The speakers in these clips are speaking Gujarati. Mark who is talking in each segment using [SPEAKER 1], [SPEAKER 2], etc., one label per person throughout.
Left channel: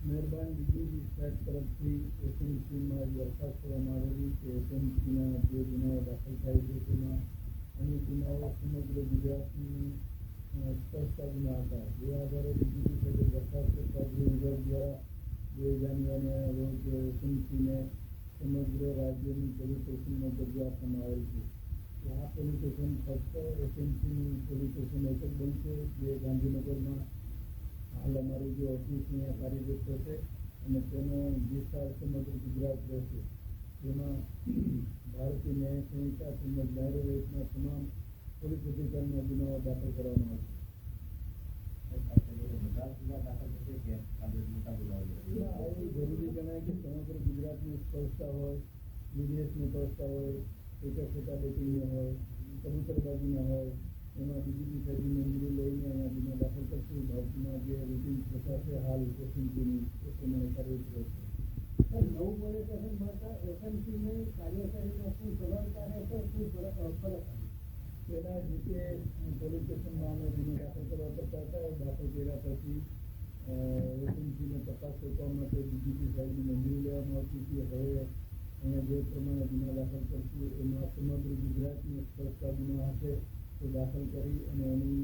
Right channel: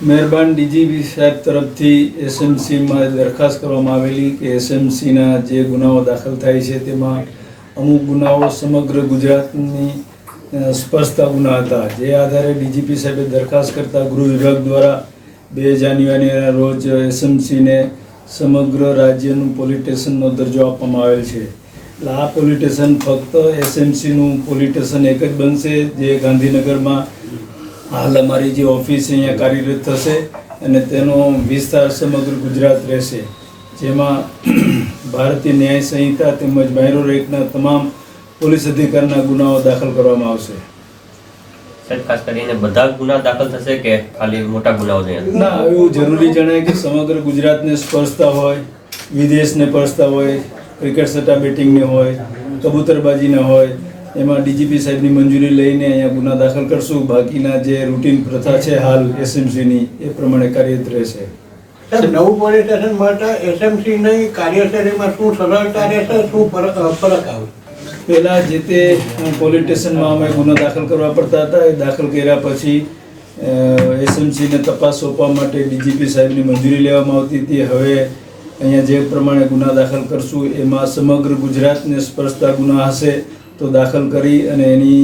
[SPEAKER 1] મહેરબાન ડીજીપી સાહેબ તરફથી એસએમસીમાં દરખાસ્ત કરવામાં આવેલી કે એસએમસીના જે ગુનાઓ દાખલ થાય છે તેમાં અમુક ગુનાઓ સમગ્ર ગુજરાતની સ્પષ્ટતા ગુના હતા જે આધારે ડીજીપી સાહેબે દરખાસ્ત કરતા ગૃહ વિભાગ દ્વારા બે જાન્યુઆરીના રોજ એસએમસીને સમગ્ર રાજ્યનું પોલીસ સ્ટેશનનો દરજ્જો આપવામાં આવેલ છે. એટલે આ પોલીસ સ્ટેશન ફક્ત એસએમસીનું પોલીસ સ્ટેશન એક જ બનશે જે ગાંધીનગરમાં હાલ અમારી જે ઓફિસ અહીંયા કાર્યરત થશે અને તેનો વિસ્તાર સમગ્ર ગુજરાત રહેશે. જેમાં ભારતીય ન્યાય સંહિતા તેમજ માયરો રેકના તમામ પોલીસ અધિકારના ગુનાઓ દાખલ કરવામાં આવશે.
[SPEAKER 2] સાહેબ ખાસ કરીને બધા ગુના દાખલ થશે કે ખાલી મોટા ગુનાઓ
[SPEAKER 1] ના એવું જરૂરી જણાય કે સમગ્ર ગુજરાતને સ્પર્શતા હોય વિદેશને સ્પર્શતા હોય ક્રિકેટ સટ્ટા બેટિંગને હોય કબૂતરબાજીને હોય એમાં ડીજીપી સાહેબની મંજૂરી લઈને અહીંયા ગુના દાખલ કરશું. બાકીના જે રૂટીન પ્રથા છે હાલ એસએમસીની એ પ્રમાણે કાર્યરત રહેશે.
[SPEAKER 3] નવું પોલીસ સ્ટેશન માટે એસએમસી ની કાર્યશૈલીમાં શું સરળતા રહેશે શું ફરક આવે?
[SPEAKER 1] પહેલાં જે તે પોલીસ સ્ટેશનમાં અમે ગુનો દાખલ કરવા પડતા હતા. એ દાખલ કર્યા પછી એસએમસીને તપાસ સોંપવા માટે ડીજીપી સાહેબની મંજૂરી લેવામાં આવતી હતી. હવે અહીંયા જે પ્રમાણે ગુના દાખલ કરશું એમાં સમગ્ર ગુજરાતને સ્પર્શતા ગુના હશે. તો દાખલ કરી અને એની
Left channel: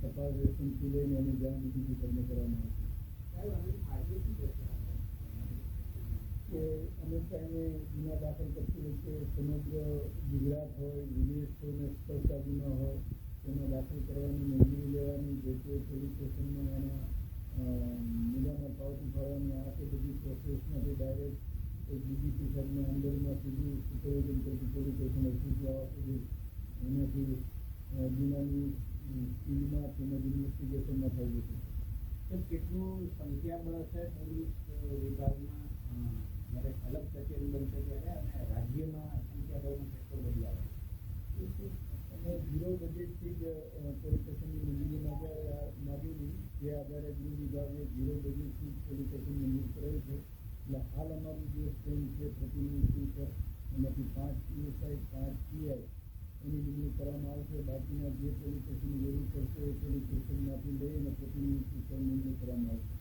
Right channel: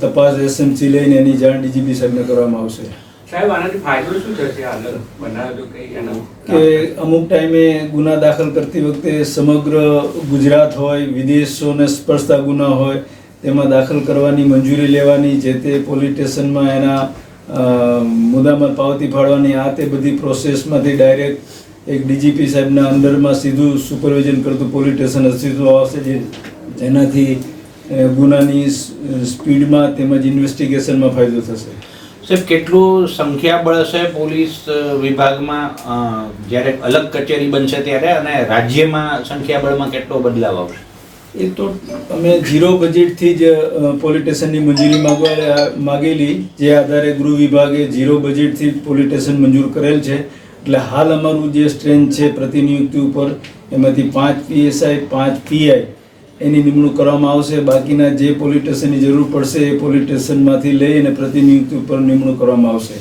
[SPEAKER 1] તપાસ એસએમસી લઈને એની જાણ ડીજીપી સાહેબને કરવામાં આવશે.
[SPEAKER 4] સાહેબ આનાથી ફાયદો શું થશે? આગળ બનાવજો કઈ એનો
[SPEAKER 1] કે અમુક ટાઈમે ગુના દાખલ કરતી વખતે સમગ્ર ગુજરાત હોય વિદેશોને સ્પર્શતા ગુના હોય તેમાં દાખલ કરવાની મંજૂરી લેવાની જે તે પોલીસ સ્ટેશનમાં એના મુદ્દામાં પાવતી ફાળવાની આ તે બધી પ્રોસેસમાંથી ડાયરેક્ટ એક ડીજીપી સાહેબના અંદરમાં સીધું સુપરવિઝન કરતું પોલીસ સ્ટેશન અસ્તિત્વ આવશે જે જેનાથી ગુનાની સ્પીડમાં તેમજ ઇન્વેસ્ટિગેશનમાં ફાયદો થશે?
[SPEAKER 5] સાહેબ કેટલું સંખ્યાબળ હશે પોલીસ વિભાગમાં જ્યારે અલગ કચેરી બનશે ત્યારે અને રાજ્યમાં સંખ્યાબળમાં કેટલો બદલાવ આવશે?
[SPEAKER 1] એ તો અમે ઝીરો બજેટથી જ પોલિટેશનની મંજૂરી માગવા માગેલી જે આધારે ગૃહ વિભાગે ઝીરો બજેટથી જ પોલીસ મંજૂર કરેલ છે. એટલે હાલ અમારું જે સ્ટ્રેન્થ છે પ્રતિનિયુક્તિ ઉપર એમાંથી પાંચ પીએસઆઈ પાંચ પીઆઈ એની નિમણૂક કરવામાં આવશે. બાકીના જે પોલીસ સ્ટેશનની જરૂર પડશે એ પોલીસ સ્ટેશનમાંથી લઈ અને પ્રતિનિયુક્તિ ઉપર નિમણૂક કરવામાં આવશે.